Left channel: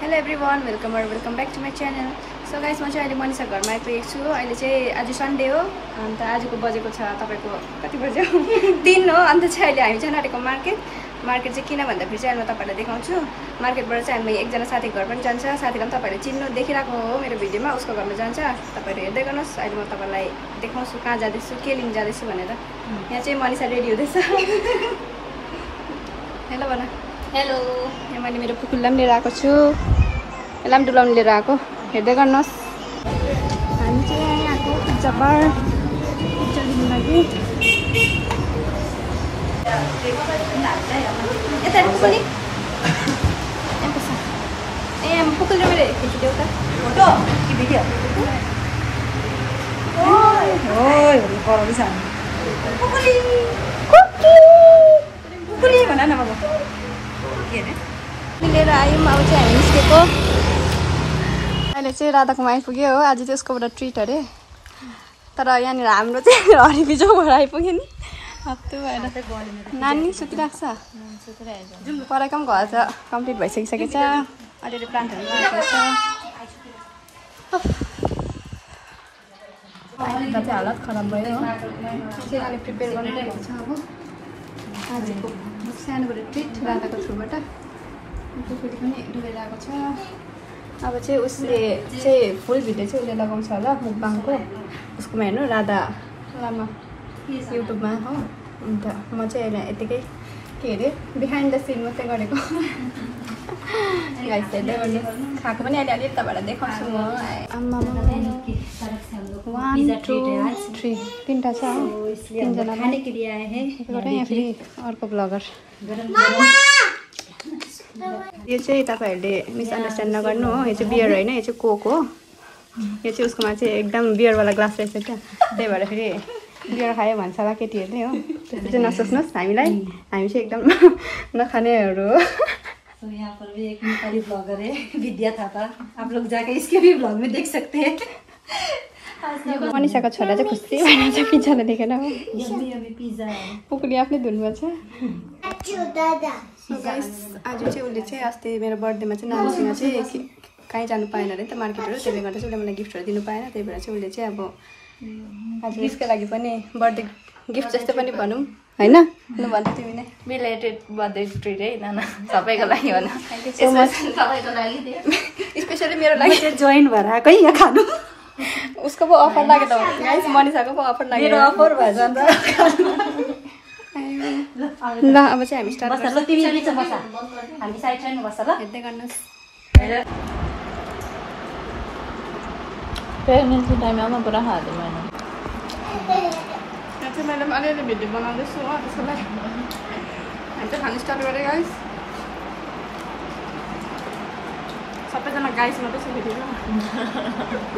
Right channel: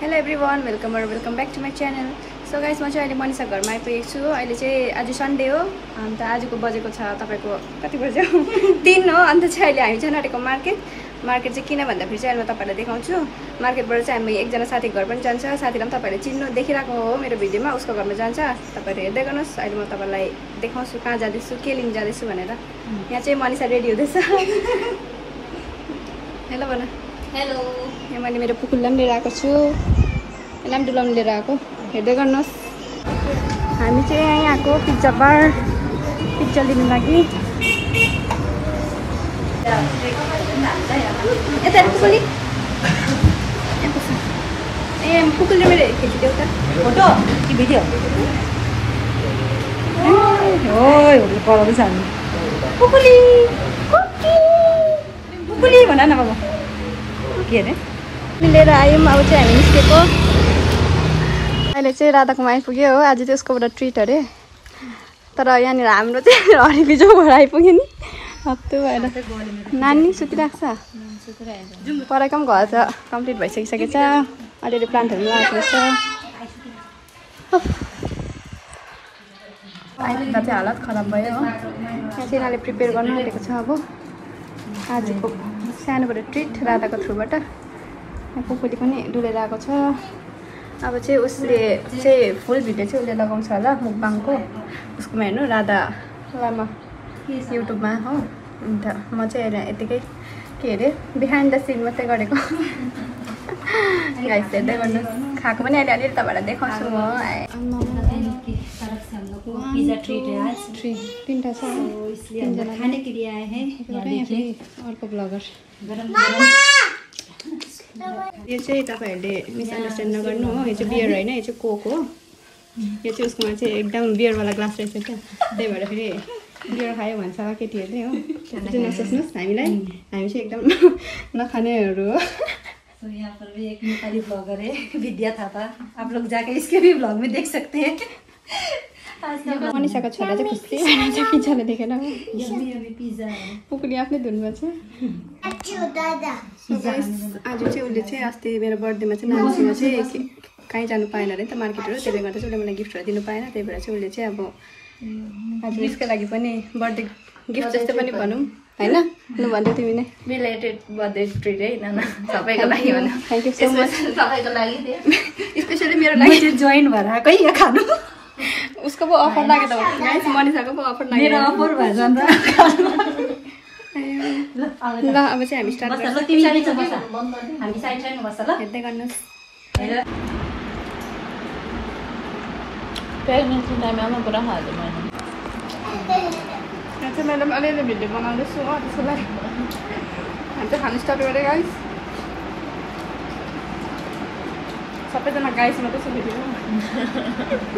Hello everyone welcome back to my channel. So guys म चाहिँ अहिले मनिषा घरमा आइपुगेको छु। अहिले चाहिँ आज सन्डे हो, अन्त आजको बजेको छ तपाईँको कति बज्यो 3 हो। अन्त चाहिँ अहिले हामी चाहिँ आँटेको मार्केट चाहिँ किन भन्दाखेरि चाहिँ अहिले म तपाईँलाई देखाउँछु। मार्केटबाट चाहिँ हामी एकजना साथी घर पनि जान्छ। साथीलाई पनि तपाईँहरूले चिन्नु देखिरहेको हो मेरो भिडियोमा, उसको घरमा जान्छ। तपाईँहरू हेर्दै गर्नुहोस्। अहिले म तपाईँलाई देखाउँछु कहाँ जाँदैछु, के लिन जाँदैछु भनेर। यहाँ चाहिँ मनिषा रेडी हुँदैछ। हेलो भन। हेलो। यहाँ मैले मेरो पुकुललाई पनि लिएर आएको छु, यसलाई पनि डुलाउनु लिएर आएको। हेर्दै गर्नुहोस्। हामी चाहिँ यहाँ आएको पिज्जा बार पिज्जा लिनु लागि। यता पुकुली ए पुकुलले मेरो खिचिदेऊ त फोटो कि भिडियो? ओइ कराउँदैछ हामी। पुकुली पुकुली भन न बाबा। के अरे लिएर आयौँ। अब चाहिँ हामी निस्केको। अहिले चाहिँ राधाकोमा आइपुग्यो हो। आज चाहिँ उसकोबाट ट्रिट अरे, तर यहाँनिर हाम्रो चाहिँ हरेकी जोबाट आइपुग्यो नि। हप्तो भएर नानी सुतिरहेको छ। पढाइको पनि घर त कम्प्लिट भइसकिसकेको छ। अलिअलि प्लान्टहरू पनि लगाएको रहेछ। अहिले चाहिँ हालत खराब भयो हो। यहाँ चाहिँ यिनीहरूले प्रिपेयर गर्नु आँटेको छ। अब आजको सानोबाट ट्रिट राधाको थ्रुबाट। पुकुली पनि डुलेर आएको छ। अब चाहिँ उसले चाहिँ फुल भिडियो चाहिँ उसले लगाउँछ होला मुकबाङको। उसकोमा हेर्नु राधा लामा युट्युबमा हो। अन्त म चाहिँ यतिकै के अरे बिहाइन्ड द सिन मात्रै गरेको। गाइस हेर्दै गर्नु। खाएको पनि अहिले अलिअलि तपाईँलाई देखाउँछु म। 1 2 3 तीनटा छ। खाने के लिए आए हैं। अर्को ब्लगर। यो चाहिँ तपाईँहरूले मिसअन्डरस्ट्यान्ड नगर्नु हो। यो चाहिँ बियर होइन, यो चाहिँ कोक हो। यो चाहिँ उसकोमा चाहिँ एकदम बियरवाला ग्लास रहेछ क्या। त्यही भएर फेरि बियर खायो भन्छ होला केटीहरूले हो। त्यस्तो चाहिँ नसोच्नुहोस्। हामी चाहिँ एकदम नखानेहरू हो। तो यहाँ पर भी एक नेपाली ब्लॉगर है विद्या थापा। आप लोग जाके इसके भी ब्लॉग में देख सकते हैं। मनिषाको छोरा चाहिँ खुसी भइरहेछ पिज्जाले देखेर। पिज्जा पुकुली आफ्नै धुनमा छ। आज चाहिँ उसले चाहिँ अस्ति मेरो बर्थडेमा चाहिँ नानीसँग चाहिँ कहीँ जानु पाएन अरे नि त मार्केटहरू। त्यसले गर्दा चाहिँ उसले मलाई गिफ्टहरू दिनु पाएन। त्यही भएर चाहिँ उसले चाहिँ अब आज यसको लागि पनि बर्थडे गिफ्ट जस्तो पनि भनौँ होइन। लु भन्दै तिमी नै रिलेटेड बर्थडे ट्रिट है नाना सबैको लागि हो। Thank you so much. सबैको लागि स्पेसली मेरो लागि चाहिँ जोइन भएर आएको यहाँ खानु। उसको पो अफर लाग्यो त गाइस। मनिषाको पो अफर लाग्यो। मेरो अफर भएर जान्छ। ल अब चाहिँ हामी स्टार्ट गर्छौँ। तिमी हामी साइड साइड बस्छ ल। हेर्दै गर्नुहोस्। प्रेग्नेन्सी टाइममा पुरा खाँदैन। यहाँ चाहिँ मैले पनि अलिअलि भिडियो बनाउँदैछु हो। त्यसको लागि हामी चाहिँ खानु स्टार्ट गरेँ गाइस। सबैजना गाइस मात्रै छ भिडियो।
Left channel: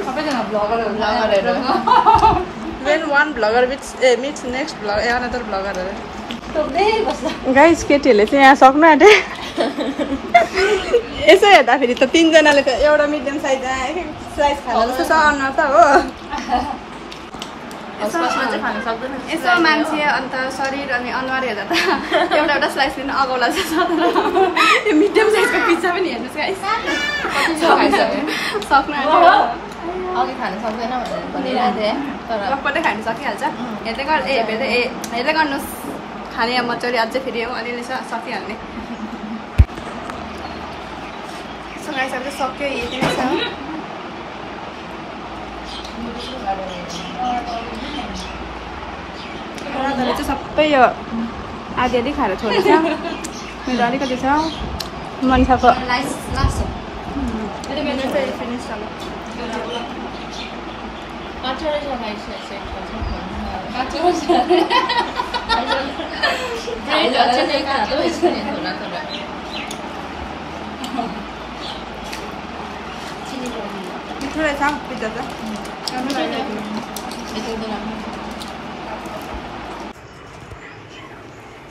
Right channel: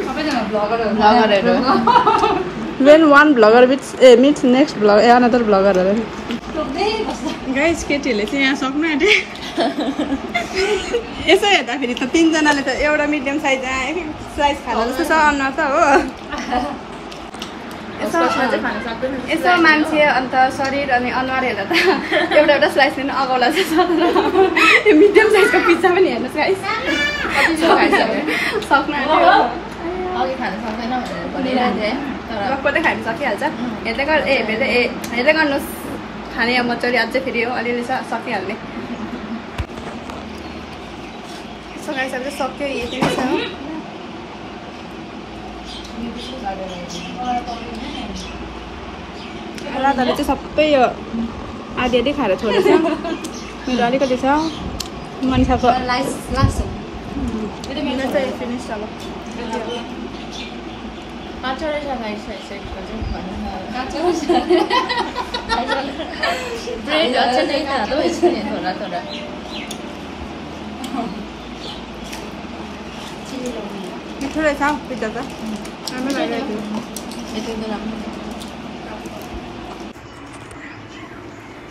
सबैजना ब्लगरहरू when one blogger meets next blogger another blogger guys. केटीहरूले चाहिँ यहाँ सक्नु आँटे। यसो हेर्दाखेरि त 3 जनाले त एउटा मिडियम साइज स्लाइस खानु जस्तो छ अनुहार त हो। यसो मान्छे अन्त शरीर अनि अनुहार हेर्दा त एउटा स्लाइस लिनु अगाउला जस्तो छ। यो मिडियम साइजको पिज्जा पनि हेर्नुहोस् गाइस। सक्नु आँट्यो। अघि खानु सक्दैन पक्कै खानु सकिहाल्छ। हेर्दै गर्नुहोस्। खाने अब मजाले अझै फेरि हो अलिअलि सकिहाल्ने। सो गाइस अब चाहिँ सक्यो। यति नै छ। राधाले चाहिँ सबै यो आधी खाएर छोडेछ। मेरो अलिकति छ। मनिषाको फिनिस अब मिठो रहेछ पिज्जा त। राम्रो लागिरहेको।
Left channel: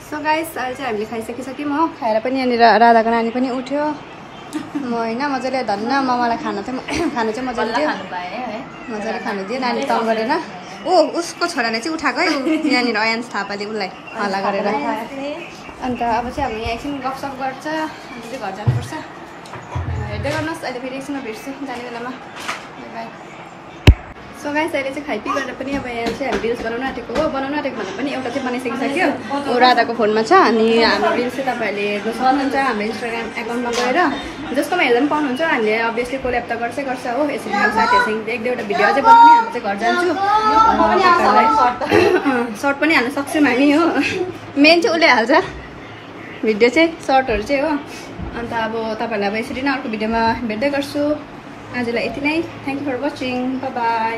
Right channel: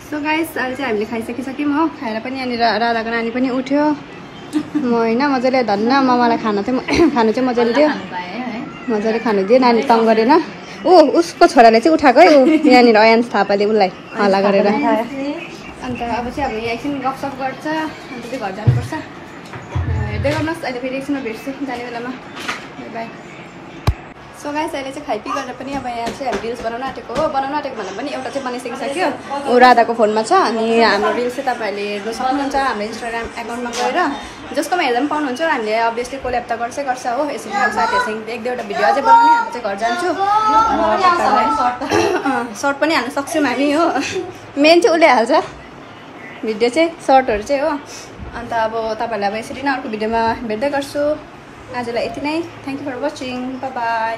सो गाइस अहिले चाहिँ हामीले खाइसकिसक्यौँ हो। खाएर पनि यहाँनिर राधाको नानी पनि उठ्यो। म होइन मजाले धन्न ममालाई खानु चाहिँ मजाले दियो। मजाले खानु दियो। नानी तङ गरेन। उसको छोराले चाहिँ उठाएको है। यहाँनिर अयान्स थापाले उसलाई हल्ला गरेर। अन्त अब चाहिँ हामी यहाँ एकछिन गफसफ गर्छ। अन्त चाहिँ घर जानुपर्छ। हेर्दै गर्नुहोस्। अहिले फेरि एकछिनमा भेट्छु जाने बेलामा। By by. सो गाइस अहिले चाहिँ खाइपी गरेर पनि अब यहाँ चाहिँ हामी रिल्स बनाउन आँटेको हो। बनाउन आँटेको भन्दा पनि एउटा चाहिँ बनाइसकिसक्यो। राधाको फोनमा छ अनि हाम्रो रिल्स चाहिँ तपाईँहरूले हेर्न सक्नुहुन्छ हाम्रो इन्स्टाग्राम एकाउन्टमा गएर। जसकोमा हेर्दा पनि पाउनुहुन्छ। हामीले अभियसली कोल्याब त गर्छ हो। यसरी अब साथीहरूसँग एक दुईवटा भिडियो अझै बनाउने। अन्त चाहिँ घर जान्छु तपाईँहरूलाई सर्ट पनि हाल्न सक्छौँ हामी हो। मेन चाहिँ उसले हाल्छ भिडियो चाहिँ सर्टहरू चाहिँ हो। अन्त अब तपाईँहरूलाई अब यसरी नै अर्को भिडियोमा भेट्दै गर्छु। आजलाई यति नै। Thank you for watching. Bye by.